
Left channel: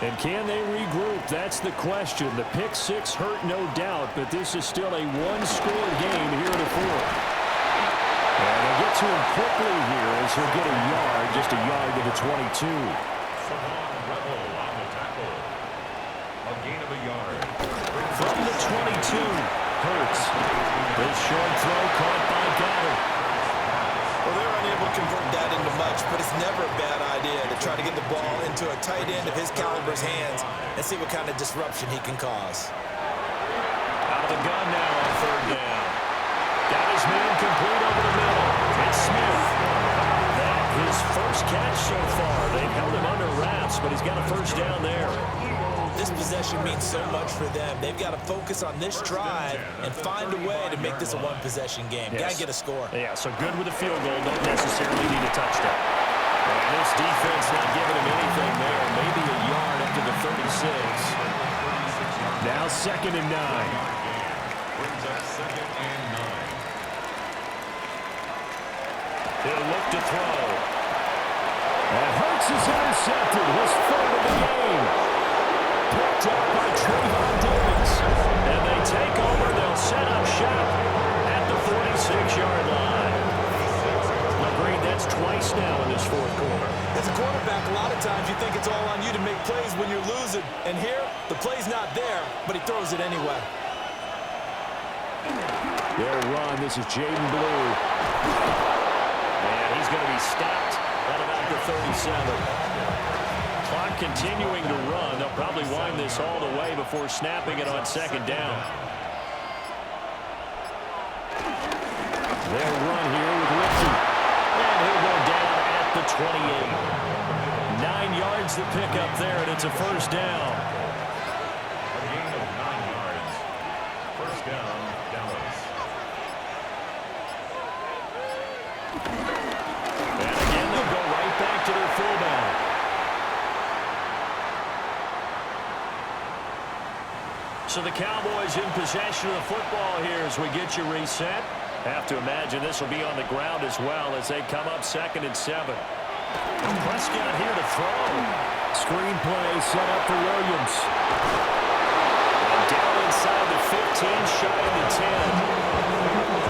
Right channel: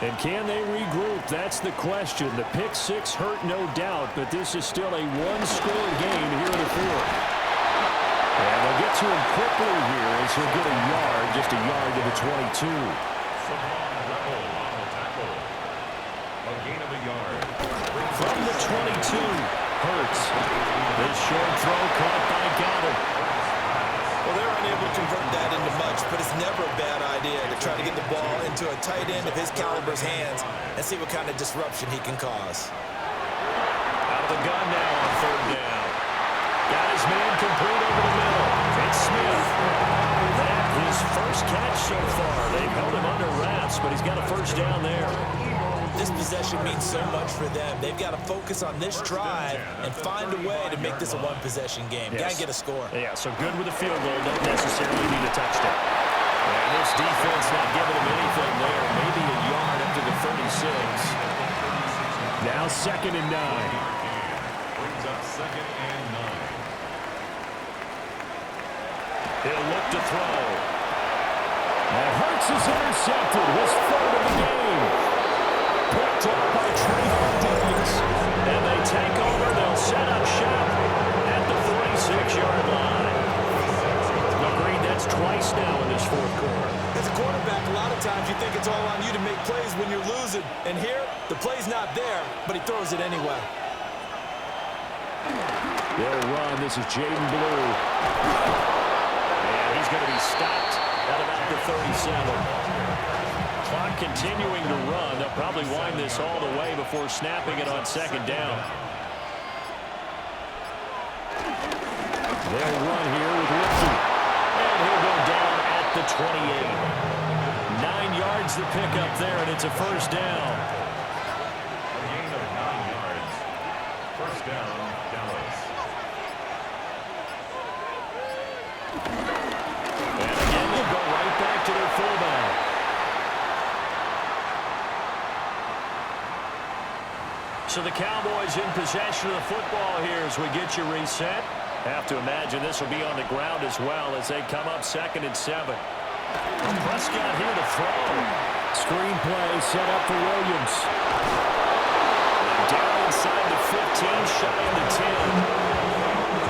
And can they regroup? That's the question. The pick 6 hurt, no doubt, but this is still a one-score game here in the fourth. And they'll get to him quickly here as he'll get a yard, just a yard to the 22. Savon Revel on the tackle. A gain of a yard. From the 22, Hurts. This short throw caught by Goddard. Well, they're unable to convert that into much, but it's never a bad idea to try to get the ball into a tight end of his caliber's hands and see what kind of disruption he can cause. Out of the gun now on 3rd down. Got his man complete over the middle. It's Smith. That his first catch so far. They've held him under wraps, but he's got a first down there. This possession means so much for them. They've got to focus on this drive and find a way to make this a one-possession game. Yes. Got to get a score. Yeah, so good with a field goal. Don't necessarily need a touchdown. And this defense not giving him anything there. Maybe a yard up to the 36. Now 2nd and 9. Brings up 2nd and 9. He'll look to throw. And Hurts is intercepted. His 3rd of the game. Picked up by Trayvon Diggs. And they take over. They'll set up shop at the 46-yard line. Agreed, that's twice now in this fourth quarter. As a quarterback, a lot of times you think it's all on you to make plays when you're losing. And here, the play's not there, but he throws it anyway. They'll run. This is Jaden Blue. And he's going to be stopped at about the 37. Clock continuing to run. They'll probably wind this all the way before snapping it on 2nd down. They'll run here with Lipke. And he'll go down at the 28. 9 yards to pick up there, and it's a first down. A gain of 9 yards. First down, Dallas. And again, they'll go right back to their fullback. So the Cowboys in possession of the football here as we get you reset. Have to imagine this will be on the ground as well as they come up 2nd and 7. Prescott here to throw. Screen play set up for Williams. And down inside the 15, shy of the 10.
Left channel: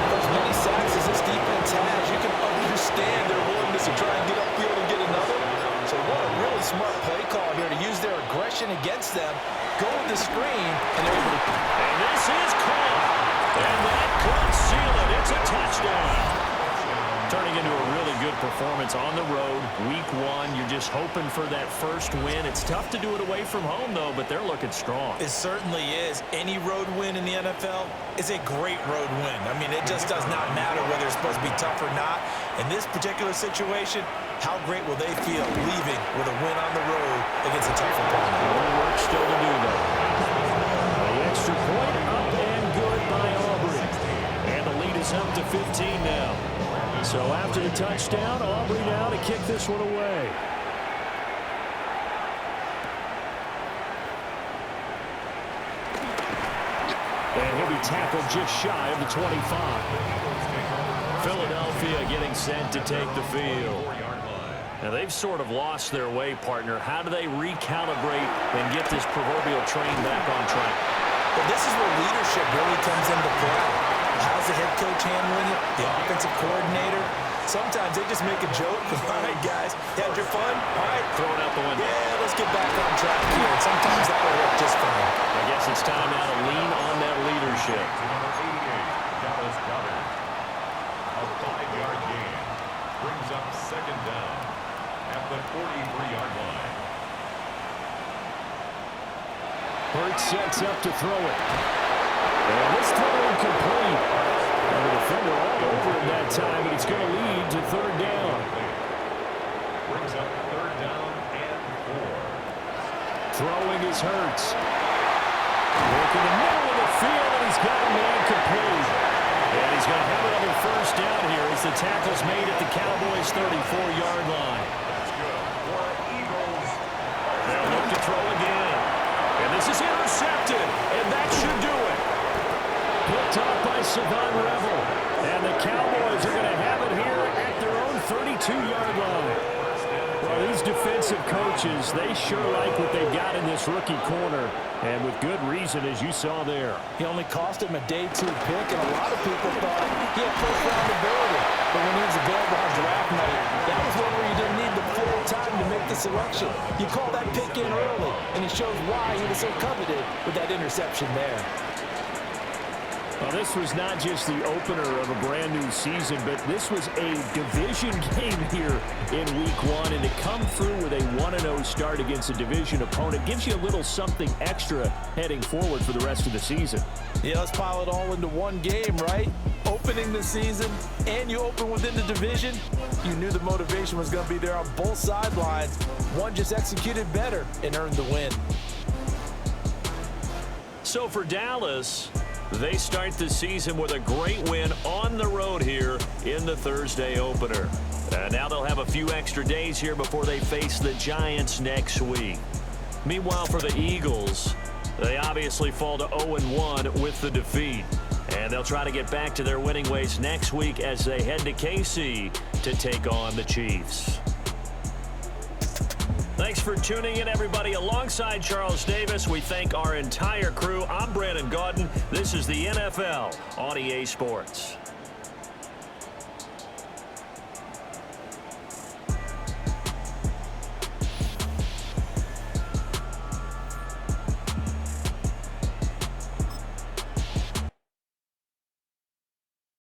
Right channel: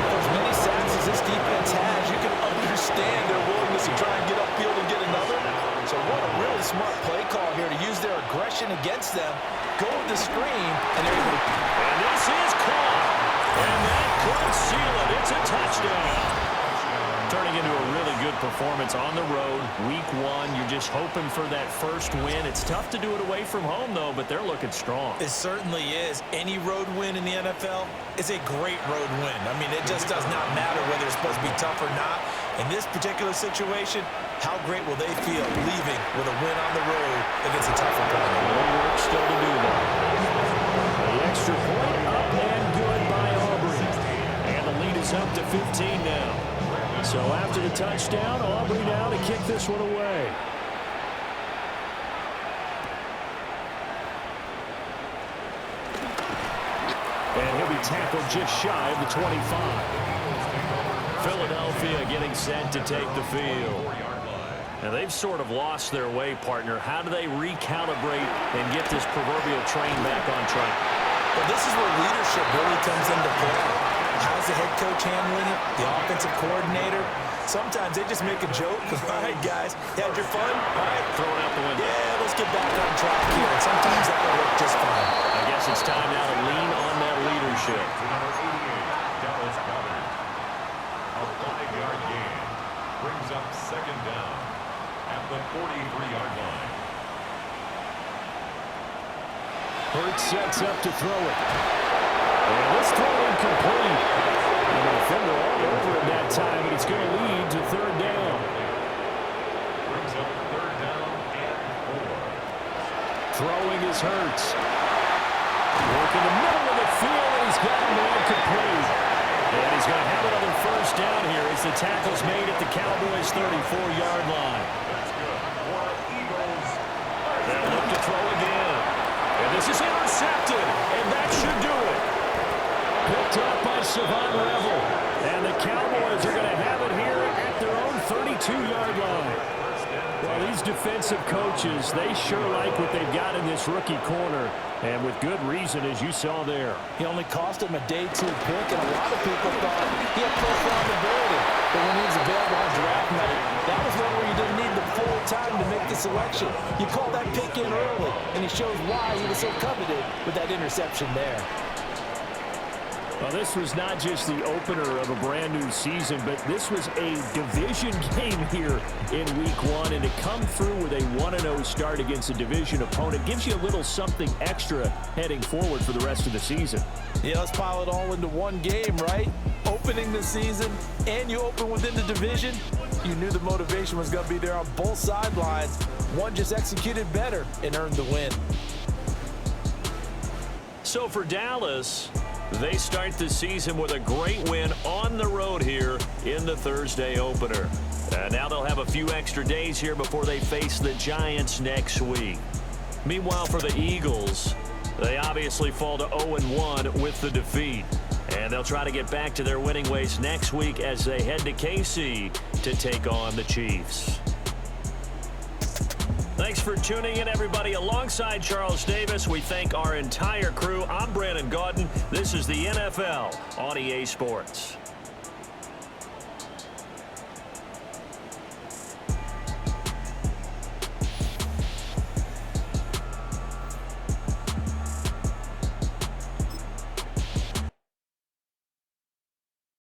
For as many sacks as this defense has, you can understand their willingness to try and get upfield and get another. So what a really smart play call here to use their aggression against them. Go with the screen, and they're able to... And this is caught. And that could seal it. It's a touchdown. Turning into a really good performance on the road, week one. You're just hoping for that first win. It's tough to do it away from home, though, but they're looking strong. It certainly is. Any road win in the NFL is a great road win. I mean, it just does not matter whether it's supposed to be tough or not. In this particular situation, how great will they feel leaving with a win on the road against a tough opponent? More work still to do, though. The extra point up and good by Aubrey. And the lead is up to 15 now. So after the touchdown, Aubrey now to kick this one away. And he'll be tackled just shy of the 25. Philadelphia getting set to take the field. Now they've sort of lost their way, partner. How do they recalibrate and get this proverbial train back on track? Well, this is where leadership really comes into play. How's the head coach handling it? The offensive coordinator? Sometimes they just make a joke. All right, guys, you had your fun? All right. Throw it out the window. Yeah, let's get back on track here. And sometimes that'll work just fine. I guess it's time now to lean on that leadership. To number 88, Dallas Goedert. A 5-yard gain brings up second down at the 43-yard line. Hurts sets up to throw it. And this throw incomplete. And the defender all over him that time, and it's going to lead to third down. Brings up third down and 4. Throwing is Hurts. Working the middle of the field, and he's got a man complete. And he's going to have another first down here as the tackle's made at the Cowboys' 34-yard line. That's good for the Eagles. They'll look to throw again. And this is intercepted, and that should do it. Picked up by Savon Revel. And the Cowboys are going to have it here at their own 32-yard line. Well, these defensive coaches, they sure like what they've got in this rookie corner. And with good reason, as you saw there. He only cost him a day 2 pick, and a lot of people thought he had first-round ability. But when he was available on draft night, that was one where you didn't need the full time to make the selection. You call that pick in early, and it shows why he was so coveted with that interception there. Well, this was not just the opener of a brand new season, but this was a division game here in week one. And to come through with a 1-0 start against a division opponent gives you a little something extra heading forward for the rest of the season. Yeah, let's pile it all into one game, right? Opening the season, and you open within the division. You knew the motivation was going to be there on both sidelines. One just executed better and earned the win. So for Dallas, they start the season with a great win on the road here in the Thursday opener. Now they'll have a few extra days here before they face the Giants next week. Meanwhile, for the Eagles, they obviously fall to 0-1 with the defeat. And they'll try to get back to their winning ways next week as they head to KC to take on the Chiefs. Thanks for tuning in, everybody. Alongside Charles Davis, we thank our entire crew. I'm Brandon Gaudin. This is the NFL on EA Sports.